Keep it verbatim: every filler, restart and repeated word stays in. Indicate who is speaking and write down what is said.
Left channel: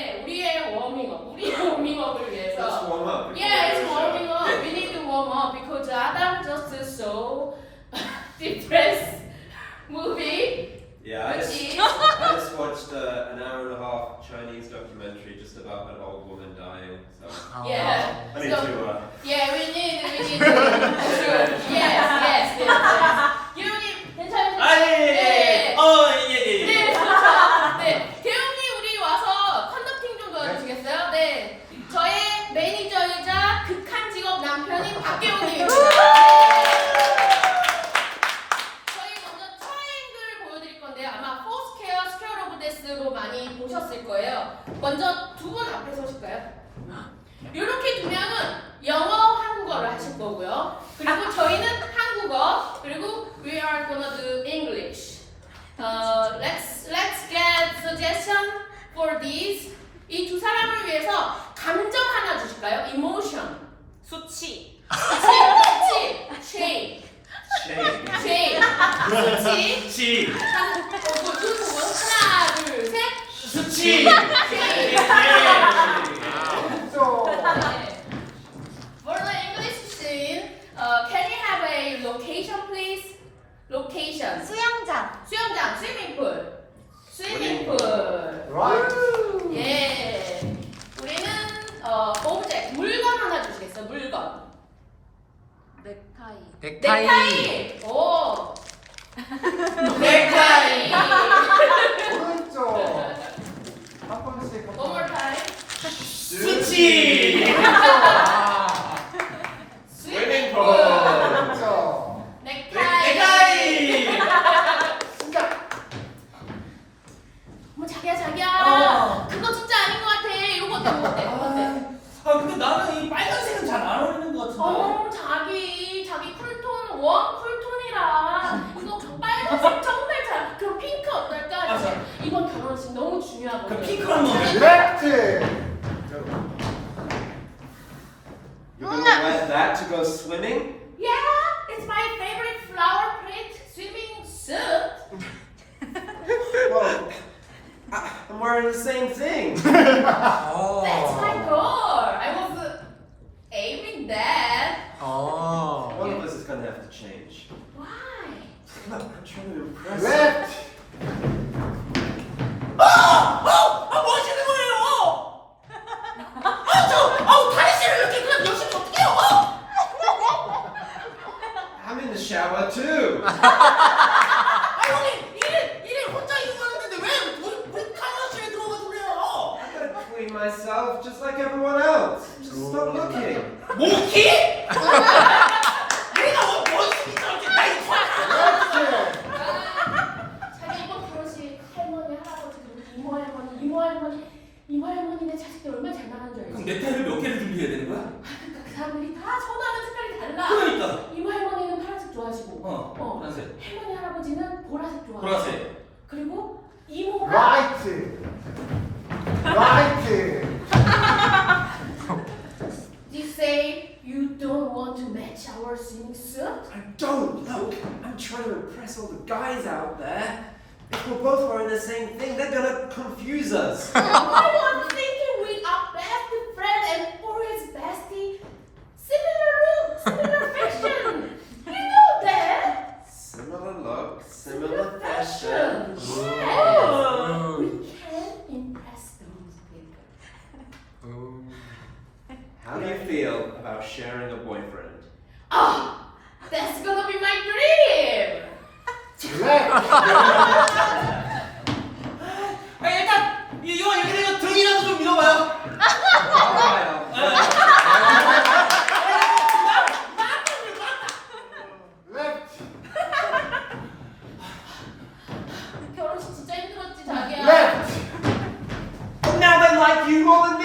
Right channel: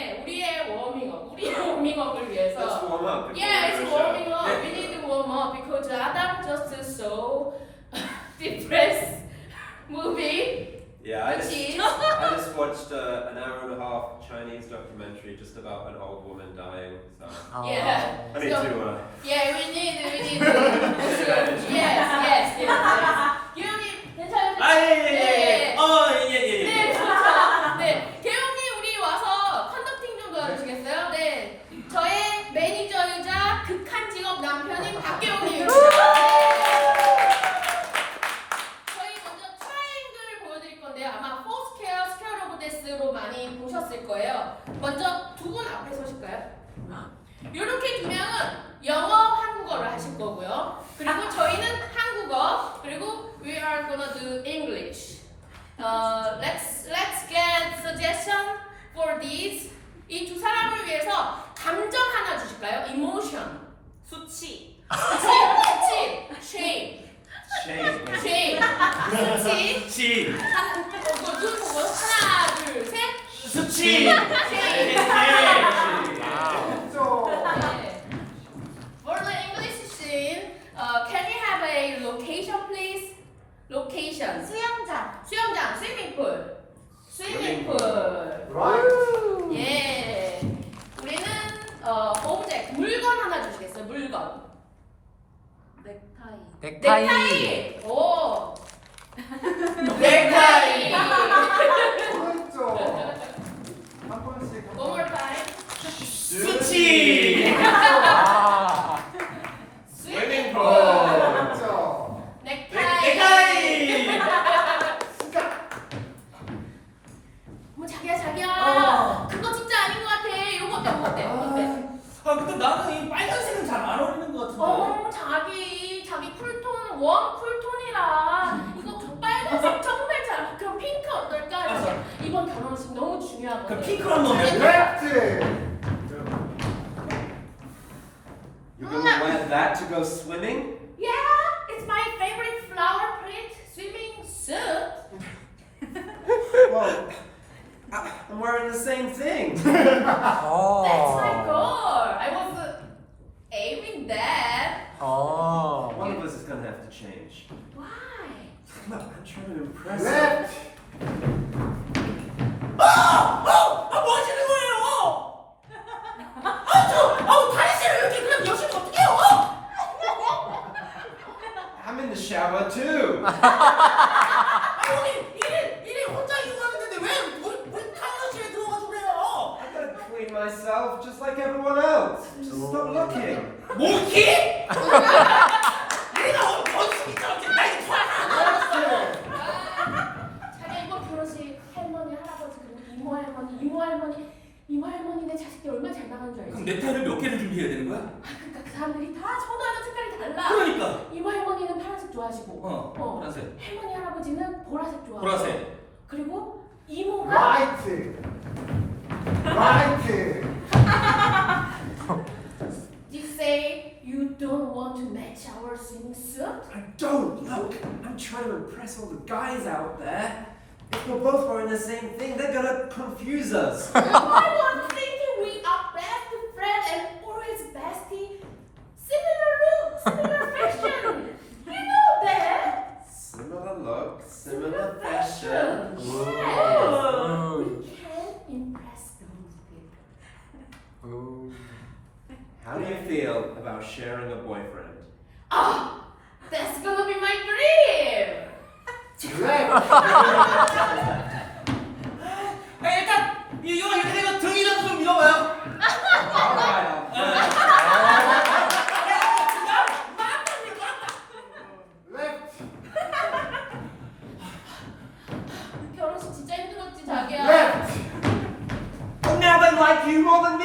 Speaker 1: 네, 우리의 워밍업, 우리의 워밍업을 위해서.
Speaker 2: Let's warm up. before
Speaker 1: Yeah,
Speaker 2: we
Speaker 1: it's
Speaker 2: go show.
Speaker 1: warming up.
Speaker 2: Yeah.
Speaker 1: We need to warm up because Adam just saw depressed movie.
Speaker 2: Yeah, I
Speaker 1: Which
Speaker 2: just,
Speaker 1: is
Speaker 2: I just watched uh, an hour and a half Chinese documentary just about an old woman dying. So
Speaker 1: yeah.
Speaker 2: I need
Speaker 1: So-
Speaker 2: to. Uh,
Speaker 1: Yeah, we need, we need to. yes, yes, yes, yes. You 괜찮으세요?
Speaker 3: 아, 예, 예, 예.
Speaker 1: 네.
Speaker 3: 어, 예, 예, 예.
Speaker 1: 네, 그렇죠. 네, 대웅이 우리 와서 컨덕팅 좀 도와주시겠어요? 네, 저의 매니저이자 극한 직업 남편인 박계웅입니다. 저희 먼저 트라이앵글을 보여드릴 건데요. 아마 포스퀘어, 스퀘어 오브 데스로 많이 보셨을 거예요. 먼저 두 분 앞에 서실까요? 이렇게 두 명은 영어, 한국어를 하실 거고요. 그리고 저희는 한국어, 그리고 we are gonna do English. Uh, let's let's get suggestion for these. 이 두 사람을 위해서 감정 하나 주실까요? Emotion.
Speaker 3: 수치.
Speaker 1: 수치, 수치, shame,
Speaker 2: shame.
Speaker 1: shame, 수치.
Speaker 3: 치.
Speaker 1: 한, 어, 그, 눈 보고 하나, 둘, 셋.
Speaker 3: 수치.
Speaker 1: shame.
Speaker 4: 좀
Speaker 1: 네. For the English scene, uh, can you have a location, please? Location.
Speaker 5: 수영장.
Speaker 1: 수영장, swimming pool. swimming
Speaker 2: Swimming
Speaker 1: pool.
Speaker 4: right.
Speaker 1: 예. 우리는 어, object, 물건 하나 주시겠어요? 물건.
Speaker 5: 넥타이.
Speaker 6: 넥타이.
Speaker 1: 넥타이. 오. 넥타이.
Speaker 4: 오른쪽 한 번씩
Speaker 1: One more time.
Speaker 3: 수치.
Speaker 6: 아.
Speaker 1: swimming
Speaker 2: pool.
Speaker 1: pool.
Speaker 4: 오른쪽
Speaker 1: 넥타이.
Speaker 3: 넥타이.
Speaker 1: 진짜. 뭐 자기야 자기야.
Speaker 3: 어.
Speaker 1: 그거 진짜 아닌 것 같아. 이거 어때? 이거 어때? 이거 어때?
Speaker 3: 아, 근데 나는 이 빨간색은 잘 안 어울리는 것 같은데.
Speaker 1: 어 자기 자기 쿨톤 원 쿨톤이라 이거 빨간색 정말 잘. 그럼 핑크 어떨까?
Speaker 3: 맞아.
Speaker 1: 이번 결혼식 너무 중요하거든.
Speaker 3: 그 핑크로 한번 해볼래?
Speaker 4: 레프트
Speaker 2: You're gonna wear that to go swimming?
Speaker 1: Yeah, it's my favorite flower print swimming suit.
Speaker 2: Well, I, I'm wearing the same thing.
Speaker 1: That's
Speaker 6: 어.
Speaker 1: my goal. I was uh, aiming that.
Speaker 6: 어.
Speaker 2: One of us is gonna have to change.
Speaker 1: Why?
Speaker 2: Look, I'm trying to impress you.
Speaker 4: 레프트
Speaker 3: 아, 아, 아, 뭐 하시는 거예요? 아, 저, 아우, 다리씨를 이렇게 그냥 여시면 어떡해요?
Speaker 2: I'm in the shower too.
Speaker 3: 아, 형님, 일을, 일을 혼자 이거 하는데 왜 우리, 우리 카이어실에 들어가서 그래요?
Speaker 2: I gotta clean myself just like everyone else. Just stop looking.
Speaker 3: 모기? 내가 뭐, 뭐, 진짜, 나 이거
Speaker 4: 레프트
Speaker 1: 자기 이번 결혼식 할머니 할아버지 그리고 이모 할머니 이모 할머니 이모 할머니네 자식들 얼마나 잘 나가는 줄 알지?
Speaker 3: 그럼 넥타이를 몇 개를 준비해야 되는 거야?
Speaker 1: 그러니까 그 사람들이 다 선호하는 색깔이 달라.
Speaker 3: 그러니까.
Speaker 1: 이모 할머니는 파란색 좋아하시고,
Speaker 3: 어,
Speaker 1: 어.
Speaker 3: 파란색.
Speaker 1: 할머니 할아버지는 보라색 좋아하고,
Speaker 3: 보라색.
Speaker 1: 그리고 이모가
Speaker 4: 라이트 라이트
Speaker 1: You say you don't want to match our swimming suit?
Speaker 2: I don't. Look, I'm trying to impress all the guys out there. If we're both wearing the same thing, they're gonna confuse us.
Speaker 1: I was thinking we are best friend and always bestie. Similar look, similar fashion. You know that?
Speaker 2: Similar look, similar fashion.
Speaker 1: Yes. We can impress those people.
Speaker 6: 오.
Speaker 2: How do you feel about sharing a boyfriend?
Speaker 1: Oh, that's gonna be my dream.
Speaker 4: 레프트
Speaker 3: 아, 일단, 이거, 이거, 이거 등이라도 좀 밀어봐요.
Speaker 2: Alright,
Speaker 4: 레프트
Speaker 1: 결혼식 진짜 힘들었지 자기야.
Speaker 4: 레프트
Speaker 2: But now they like you more than